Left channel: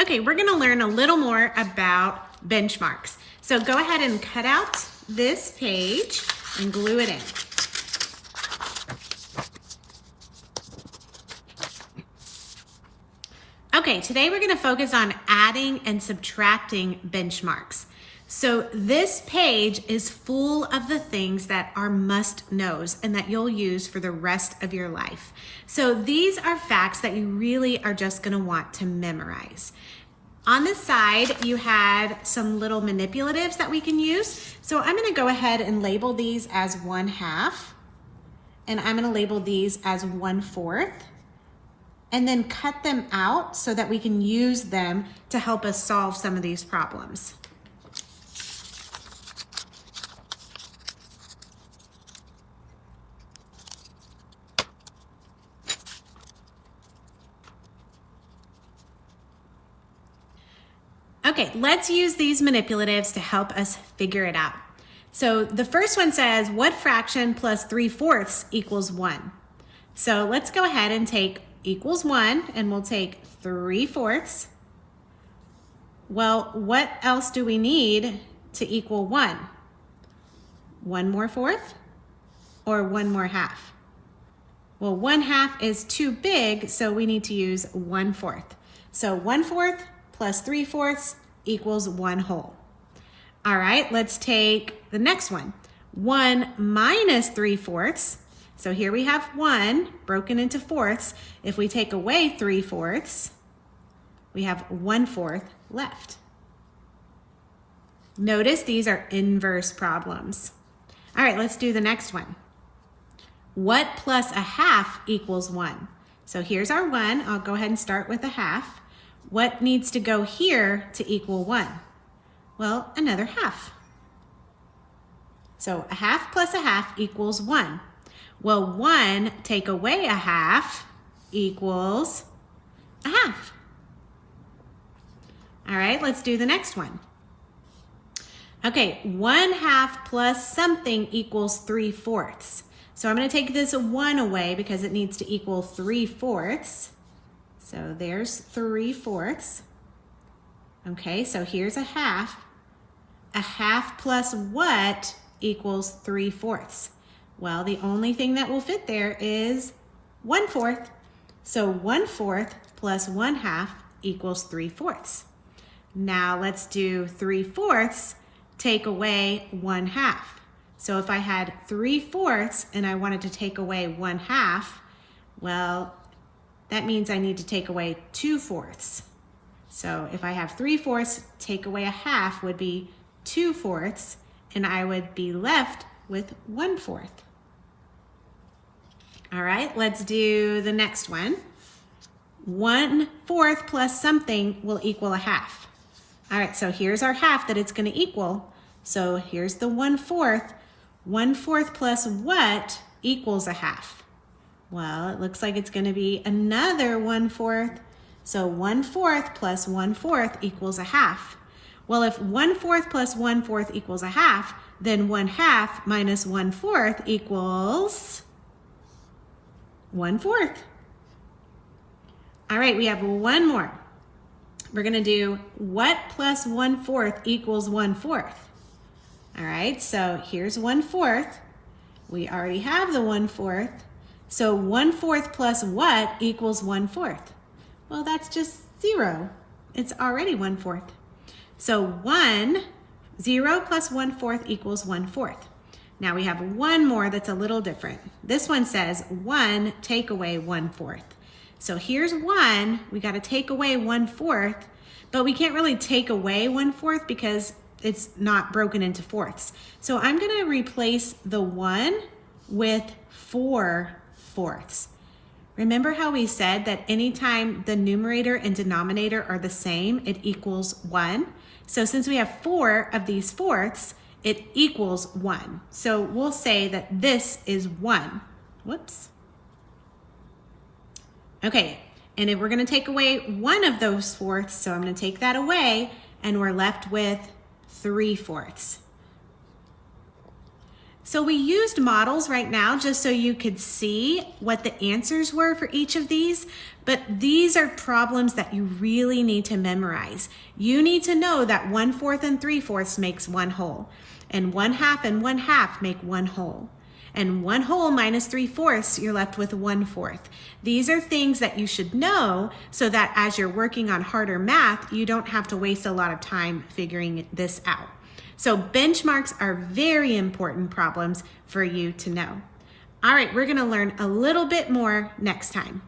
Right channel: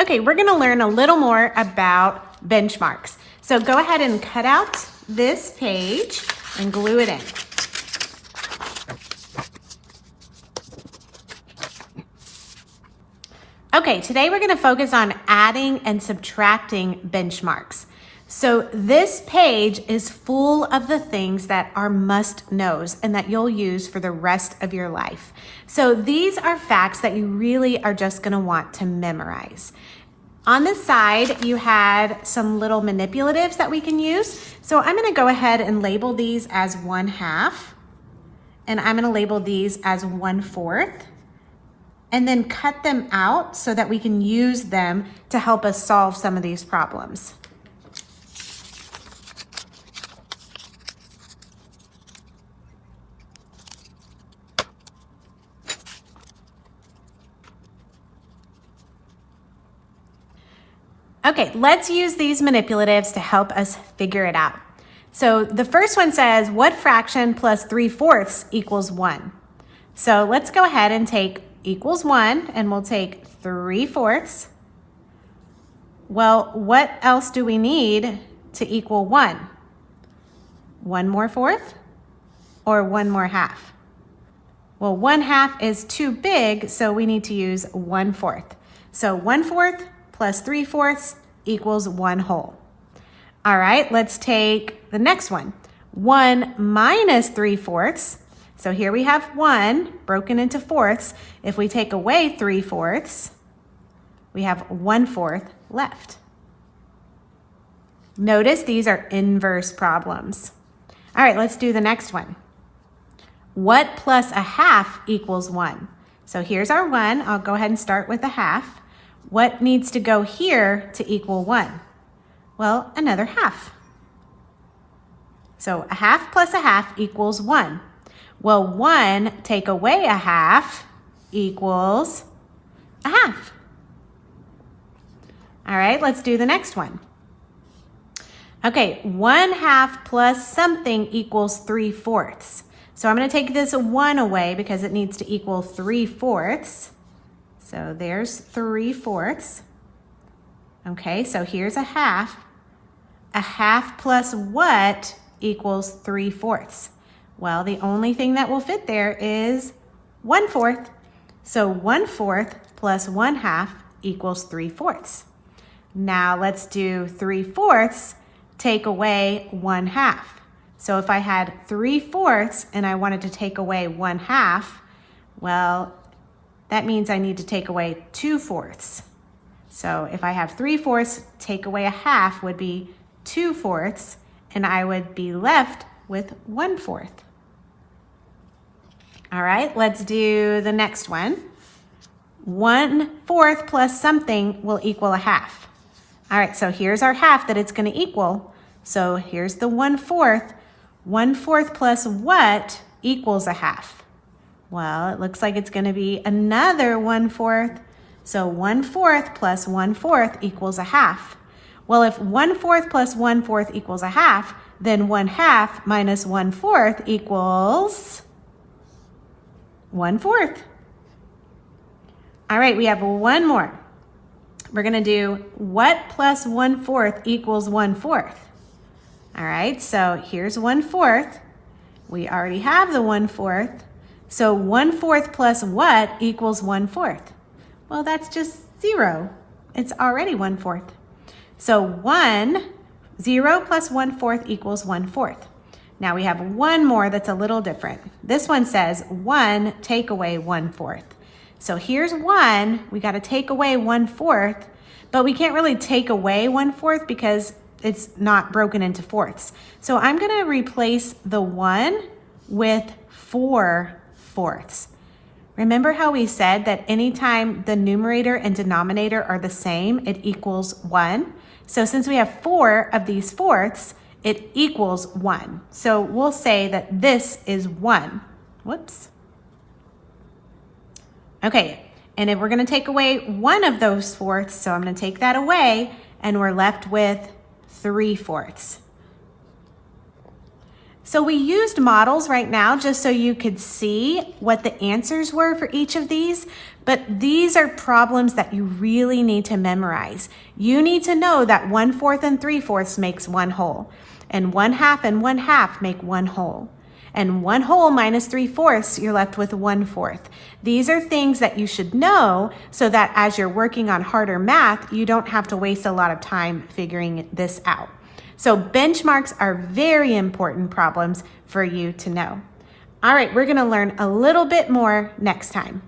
Okay, we're gonna learn a little more about benchmarks. So go ahead and cut out this page and glue it in. Okay, today we're gonna focus on adding and subtracting benchmarks. So this page is full of the things that are must-knows and that you'll use for the rest of your life. So these are facts that you really are just gonna want to memorize. On the side, you had some little manipulatives that we can use. So I'm gonna go ahead and label these as 1/2, and I'm gonna label these as 1/4, and then cut them out so that we can use them to help us solve some of these problems. Okay, let's use these manipulatives to help us figure it out. So the first one says, what fraction plus 3/4 equals 1? So let's go ahead and take equals 1, and we'll take 3/4. Well, what else do we need to equal 1? One more fourth or one more half? Well, 1/2 is too big, so we need to use 1/4. So 1/4 plus 3/4 equals 1 whole. All right, let's take the next one. 1 minus 3/4. So here we have 1 broken into fourths. If we take away 3/4, we have 1/4 left. Notice these are inverse problems. All right, let's do the next one. What plus 1/2 equals 1? So here's our 1. I'll go ahead and start with 1/2. What needs to go here to equal 1? Well, another half. So 1/2 plus 1/2 equals 1. Well, 1 take away 1/2 equals 1/2. All right, let's do the next one. Okay, 1/2 plus something equals 3/4. So I'm gonna take this 1 away because it needs to equal 3/4. So there's 3/4. Okay, so here's 1/2. 1/2 plus what equals 3/4? Well, the only thing that will fit there is 1/4. So 1/4 plus 1/2 equals 3/4. Now let's do 3/4 take away 1/2. So if I had 3/4 and I wanted to take away 1/2, well, that means I need to take away 2/4. So if I have 3/4, take away 1/2 would be 2/4, and I would be left with 1/4. All right, let's do the next one. 1/4 plus something will equal 1/2. All right, so here's our half that it's gonna equal. So here's the 1/4. 1/4 plus what equals 1/2? Well, it looks like it's gonna be another 1/4. So 1/4 plus 1/4 equals 1/2. Well, if 1/4 plus 1/4 equals 1/2, then 1/2 minus 1/4 equals 1/4. All right, we have one more. We're gonna do what plus 1/4 equals 1/4. All right, so here's 1/4. We already have the 1/4. So 1/4 plus what equals 1/4? Well, that's just 0. It's already 1/4. So 0 plus 1/4 equals 1/4. Now we have one more that's a little different. This one says 1 take away 1/4. So here's 1, we gotta take away 1/4, but we can't really take away 1/4 because it's not broken into fourths. So I'm gonna replace the 1 with 4/4. Remember how we said that anytime the numerator and denominator are the same, it equals 1? So since we have 4 of these fourths, it equals 1. So we'll say that this is 1. Whoops. Okay, and if we're gonna take away one of those fourths, so I'm gonna take that away, and we're left with 3/4. So we used models right now just so you could see what the answers were for each of these, but these are problems that you really need to memorize. You need to know that 1/4 and 3/4 makes 1 whole, and 1/2 and 1/2 make 1 whole. And 1 whole minus 3/4, you're left with 1/4. These are things that you should know so that as you're working on harder math, you don't have to waste a lot of time figuring this out. So benchmarks are very important problems for you to know. All right, we're gonna learn a little bit more next time.